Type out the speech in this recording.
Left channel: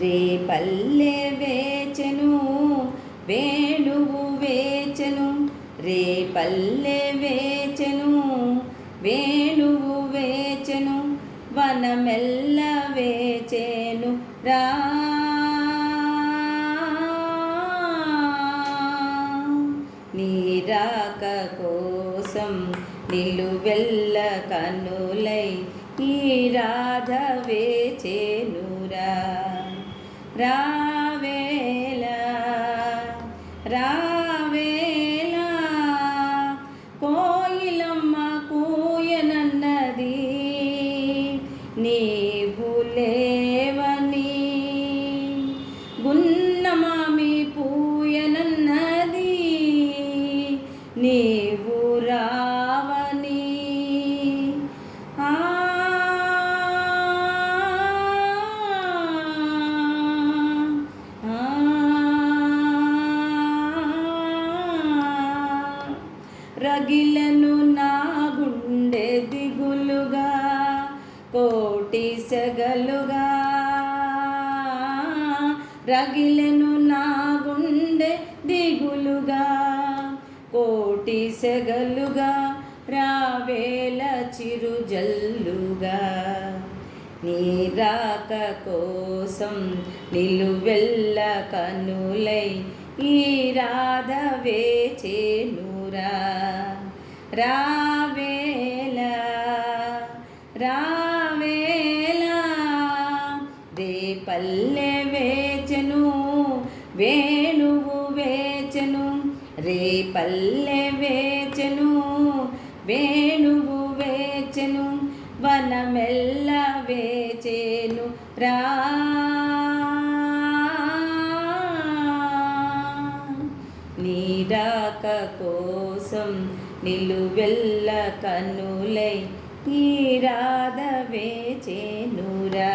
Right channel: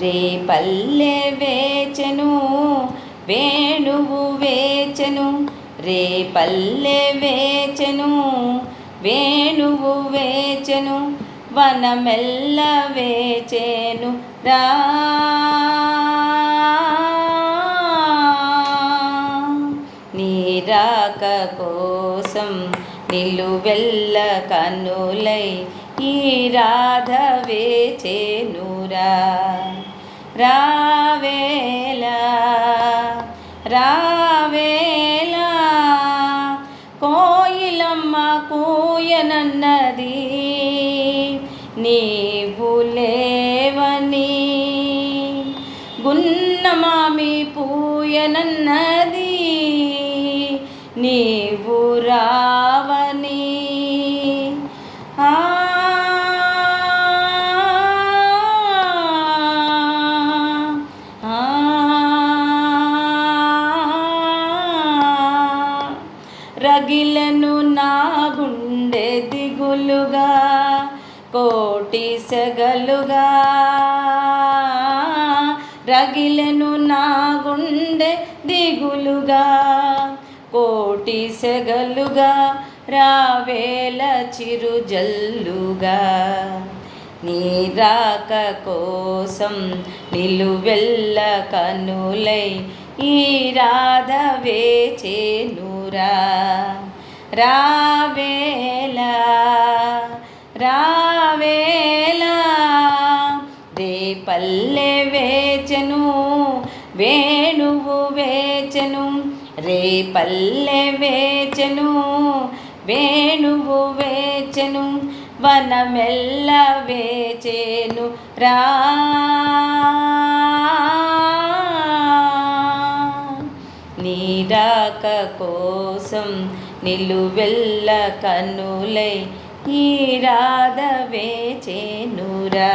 రేపల్లె వేచెను వేణువు వేచెను, రేపల్లె వేచెను వేణువు వేచెను, వనమెల్ల వేచెను రా. నీ రాక కోసం నిలువెల్ల కన్నులై ఈ రాధ వేచెనురా. రావేలా రావేలా కోయిలమ్మ కూయనన్నది, నీవు లేవని గున్నమామి పూయనన్నది, నీవు రావని. రగిలను నా గుండె దిగులుగా కోటి సెగలుగా, రగిలను నా గుండె దిగులుగా కోటి సెగలుగా, రావేల చిరుజల్లుగా. నీ రాక కోసం నిలువెల్ల కన్నులై ఈ రాధ వేచెనురా. రావేలా రావేలా రేపల్లె వేచెను వేణువు వేచెను, రేపల్లె వేచెను వేణువు వేచెను, వనమెల్ల వేచెను రా. నీ రాక కోసం నిలువెల్ల కన్నులై ఈ రాధ వేచెనురా.